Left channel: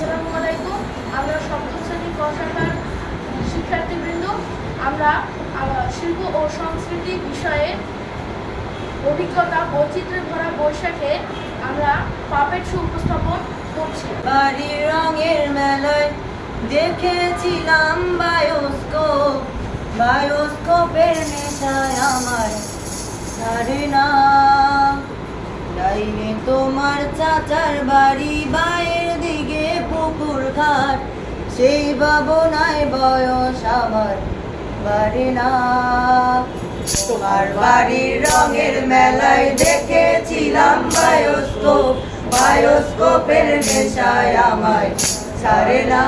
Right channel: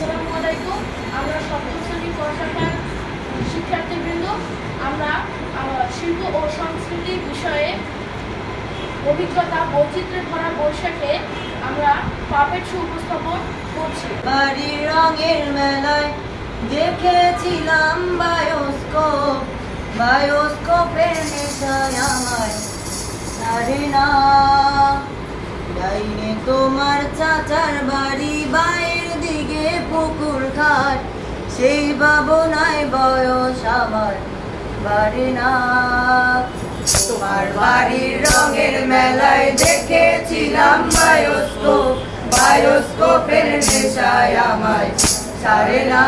আসসালামু আলাইকুম। আমরা সপ্তম শ্রেণী ক শাখার শিক্ষার্থীবৃন্দ আমরা শিল্প ও সংস্কৃতি বিষয়ে অভিজ্ঞতা বৈচিত্র্যে ভরা বৈশাখে আমরা পাপেট শো উপস্থাপন করছি। বাড়ির রঙের মেলায় দেখেছিলাম বায়োস্কোপের নেশায় আমার ছাড়ে না। লাইনে তোমার চাচার বাড়ি, বাইরের দিকে পুকুর ঘাট, সেই ভাবনায় বয়স আমার বাড়ে না। তোমার বাড়ির রঙের মেলায় দেখেছিলাম বায়োস্কোপের নেশায় আমায় ছাড়ে না।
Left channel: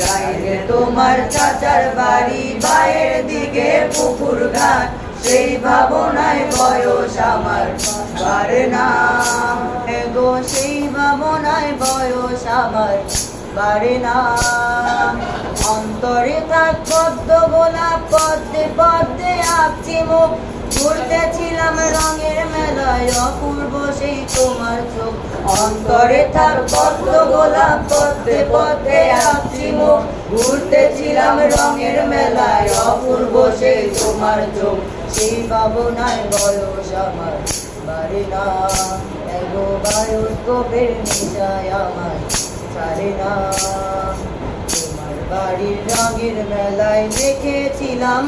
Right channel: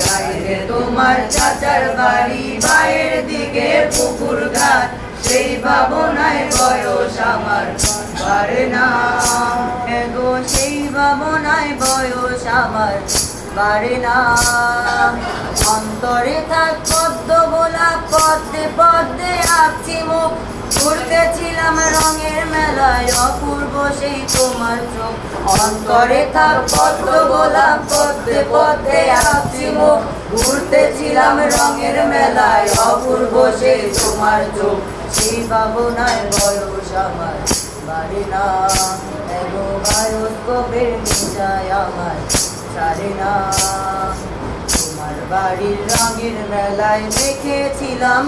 বাইরে তোমার চাচার বাড়ি, বাইরের দিকে পুকুর ঘাট, সেই ভাবনায় বয়স আমার বাড়ে না। গো সেই ভাবনায় বয়স আমার বাড়ে না। অন্তরে থাক পদ্ম গোলাপ, পদ্মে পদ্মে আঁকছি মুখ, ঘুরতেছিলাম রঙের মেলায় অপূর্ব সেই তোমার চোখ। অন্তরে থাক পদ্ম গোলাপ, পদ্মে পদ্মে আঁকছি মুখ, ঘুরতেছিলাম রঙের মেলায় অপূর্ব সেই তোমার চোখ। সেই ভাবনায় বয়স আমার বাড়ে না। এগো বায়োস্কোপের নেশায় আমার ছাড়ে না। তোমার বাড়ির রঙের মেলায় দেখেছিলাম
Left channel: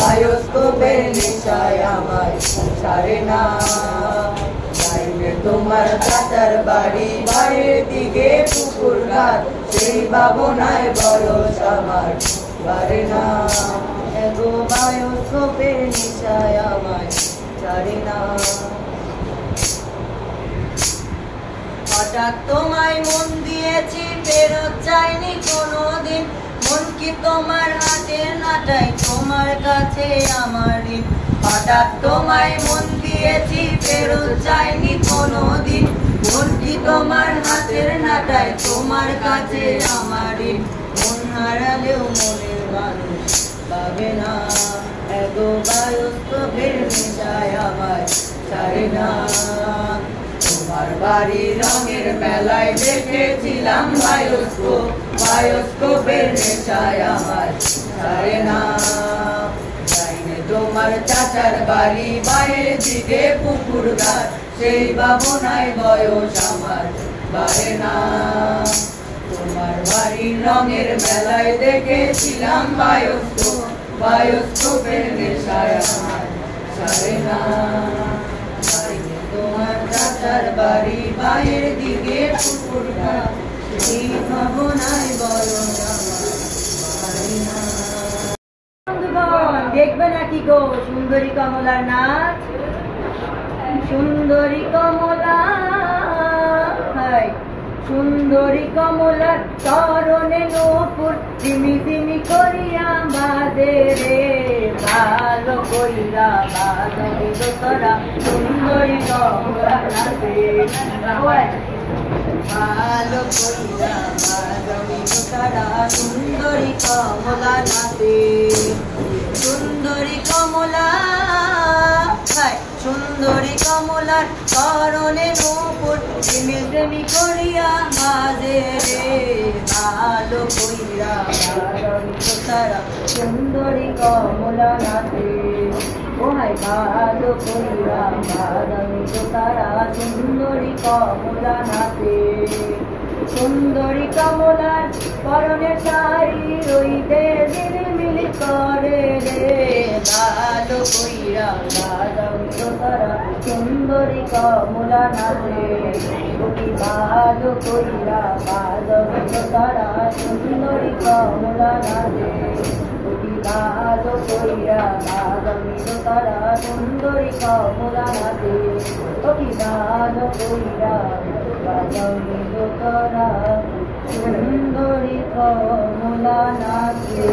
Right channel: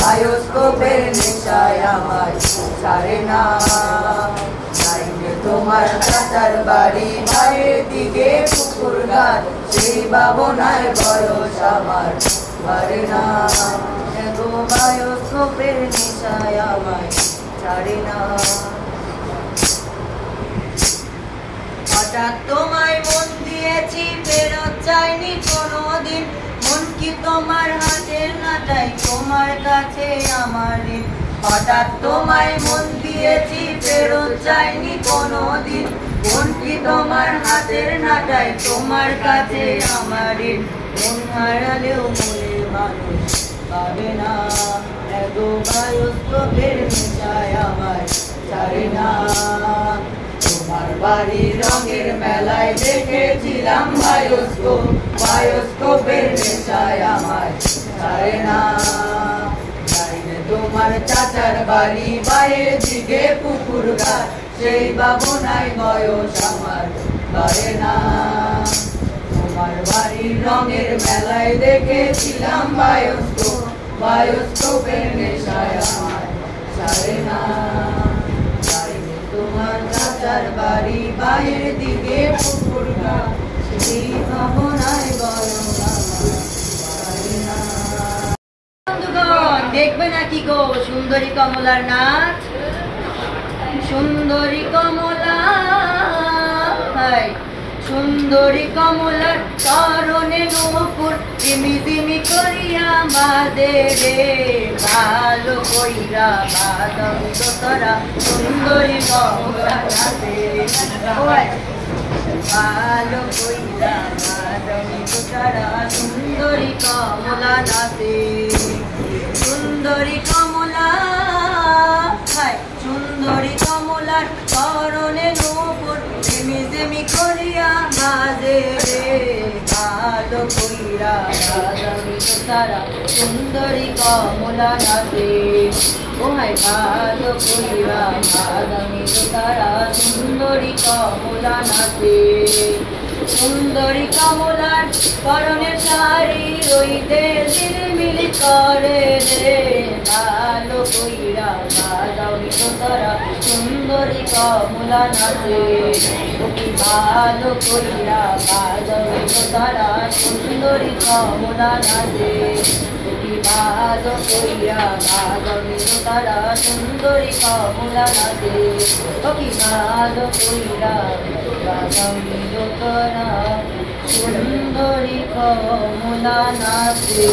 বায়োস্কোপের নেশায় আমার ছাড়ে না। তোমার চাচার বাড়ি, বাইরের দিকে পুকুর ঘাট, সেই ভাবনায় বয়স আমার বাড়ে না। এগো বায়োস্কোপের নেশায় আমায় ছাড়ে না। হঠাৎ তোমায় মন দিয়েছি, ফেরত চাইনি কোনোদিন, মন কি তোমার হাতের নাটাই, তোমার কাছে আমার ঋণ। হঠাৎ তোমায় মন দিয়েছি, ফেরত চাইনি কোনোদিন, মন কি তোমার হাতের নাটাই, তোমার কাছে আমার ঋণ। মন হারালেও মনের মানুষ পাবে না। এগো বায়োস্কোপের নেশায় আমায় ছাড়ে না। তোমার বাড়ির রঙের মেলায় দেখেছিলাম বায়োস্কোপের নেশায় আমার ছাড়ে না। তোমার চাচার বাড়ি, বাইরের দিকে পুকুর ঘাট, সেই ভাবনায় বয়স আমার বাড়ে না। তোমার বাড়ির রঙের মেলায় দেখেছিলাম বায়োস্কোপের নেশায় আমার ছাড়ে না। তোমার চাচার বাড়ি, বাইরের দিকে পুকুর ঘাট, সেই ভাবনায় বয়স আমার বাড়ে না। দেখবে নাকি গো সুন্দরী কমলার নাচ? সুন্দরী কমলা, সুন্দরী কমলার চরণে নূপুর তিমি তিমি করিয়া বাঁধে রে, ভালো কইরা বাঁধবি তোরা সুন্দরী কমলার নাচে। ভালো কইরা বাঁধবি তোরা সুন্দরী কমলা নাচে। সুন্দরী কমলা, সুন্দরী কমলার চরণে নূপুর তিমি তিমি করিয়া বাজে রে, ভালো কইরা বাজবি তোরা সুন্দরী কমলা নাচে। ও হাই ভালো কইরা বাজবি তোরা সুন্দরী কমলা নাচে। সুন্দরী কমলার পরনের শাড়ি রইতে ঝিলমিল করে রে, ভালো কইরা বাজবি তোরা সুন্দরী কমলা নাচে। ভালো কইরা বাজবি তোরা সুন্দরী কমলা নাচে। ভালো কইরা বাজবি তোরা সুন্দরী কমলা নাচে। ভালো কইরা বাজবি তোরা সুন্দরী কমলা নাচে।